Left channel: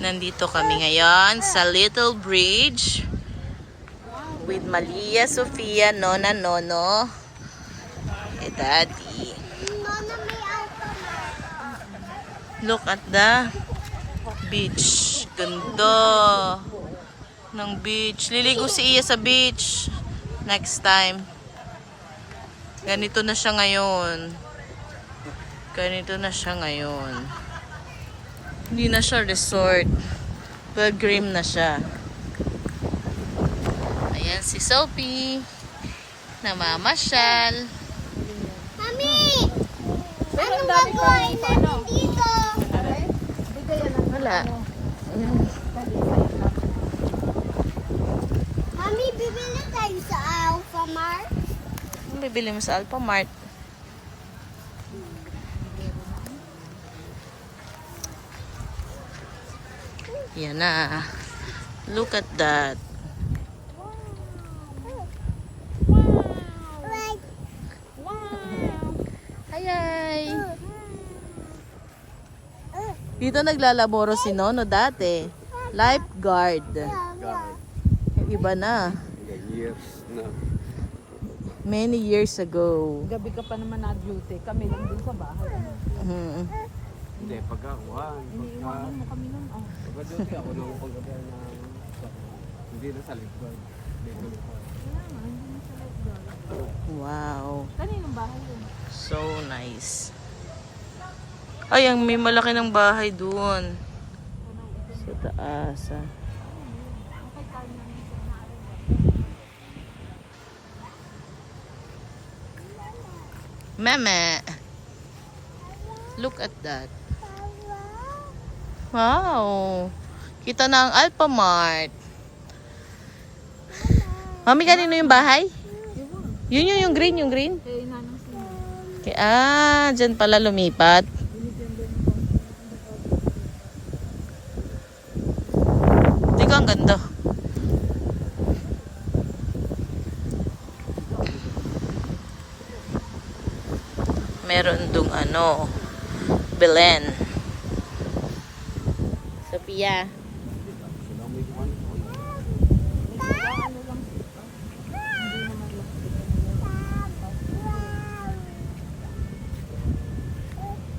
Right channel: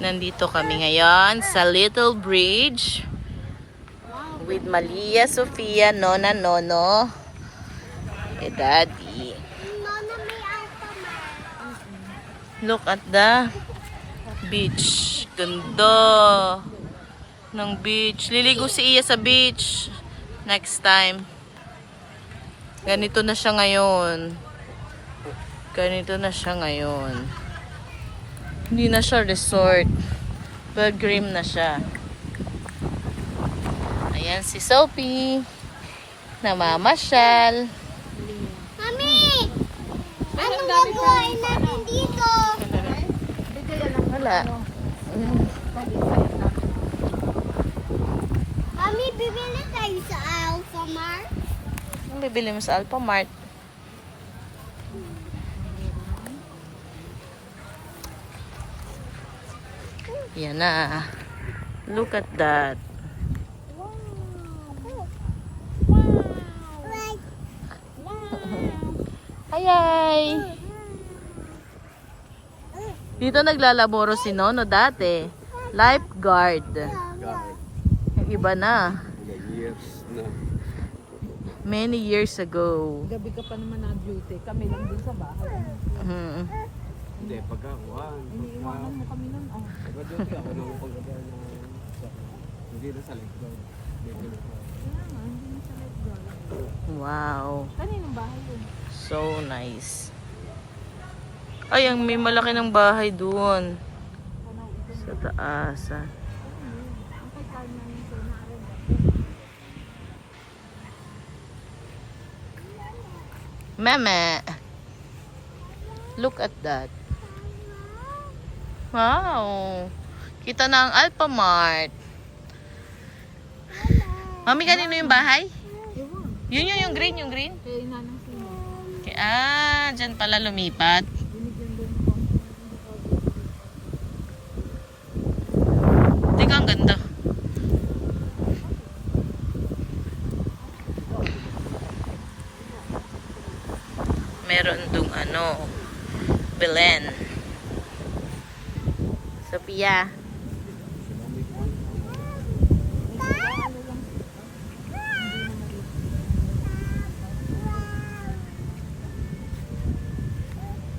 Nandito kami ngayon sa Little Bridge with Malia, Sofia, Nona, Nono, Daddy. Look at the beach. Ganda ng beach. Liligo si Iya sa beach next time. Ganito na siya ngayon. Ganito na siya ngayon. Hindi na siya resort. Pilgrim na siya. Ayan si Sophie. Namamasyal. Mami! Anong gagawin namin dito? Wala. Mami, bibili tayo sa Alphamart. Anong bibili mo sa Alphamart? Yan na. Look at that. Hi! Dito naglalaboro si Nono dati. Lifeguard. Yung iba na. Years na. Many years ago. Gabi ka pa naman na-duty. Kami lang din sa bahay. Hindi, pagkakuhan. Iniiwanan mo kami nun. Oh. Pagka-duty ako nung pagkagawa na hindi na sa lifeguard. Kaya nga, hindi na sa lifeguard. Wow. Kaninong bahay yun? So nice. Ay, ang may malaki ng bahay doon. Sa taas. Okay, kaya namin sa naarin. Mama. Look at that. Wow. Kita na ang Alphamart. Mami, kanino yung bahay? Yun yung green, yung green. Kaya inanang sino. Dyan pala lumipat. Binigyan doon ko. Hindi ka, ang ganda. Meron dong Belen. Sophia.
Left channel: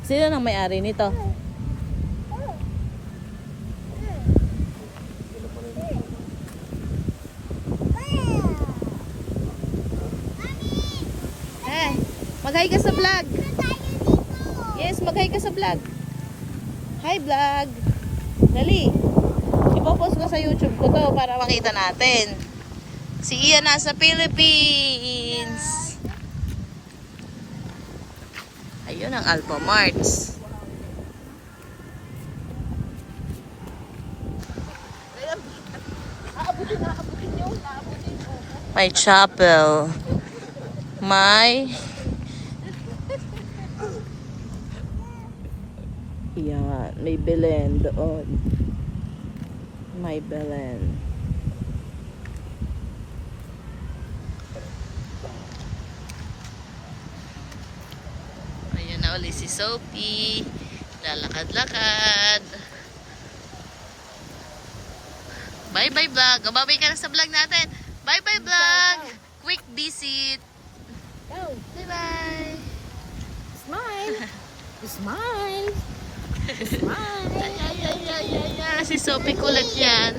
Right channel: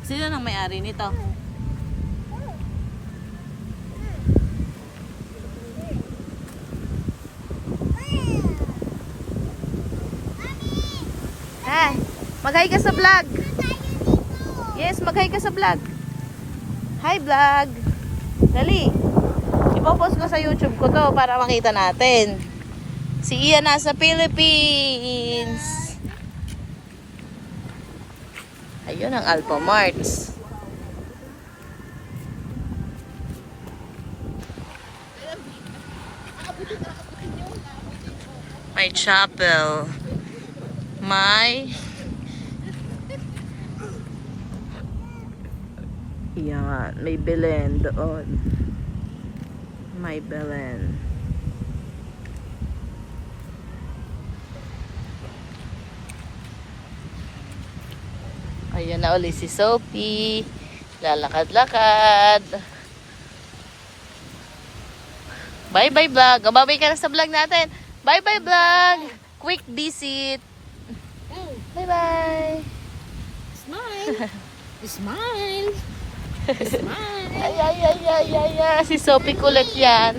Sino nang may-ari nito? Hi, mag-hi ka sa vlog. Yes, mag-hi ka sa vlog. Hi vlog. Dali. Ipopost ko sa YouTube ko to para makita natin. Si Iya nasa Philippines. Ayun ang Alphamarts. May chapel. Yan, may Belen doon. May Belen. Ayan na ulit si Sophie. Lalakad-lakad. Bye-bye vlog. Babay ka na sa vlog natin. Bye-bye vlog. Quick visit. Bye-bye. Smile! Smile! Smile! Ay. Si Sophie kulit yan.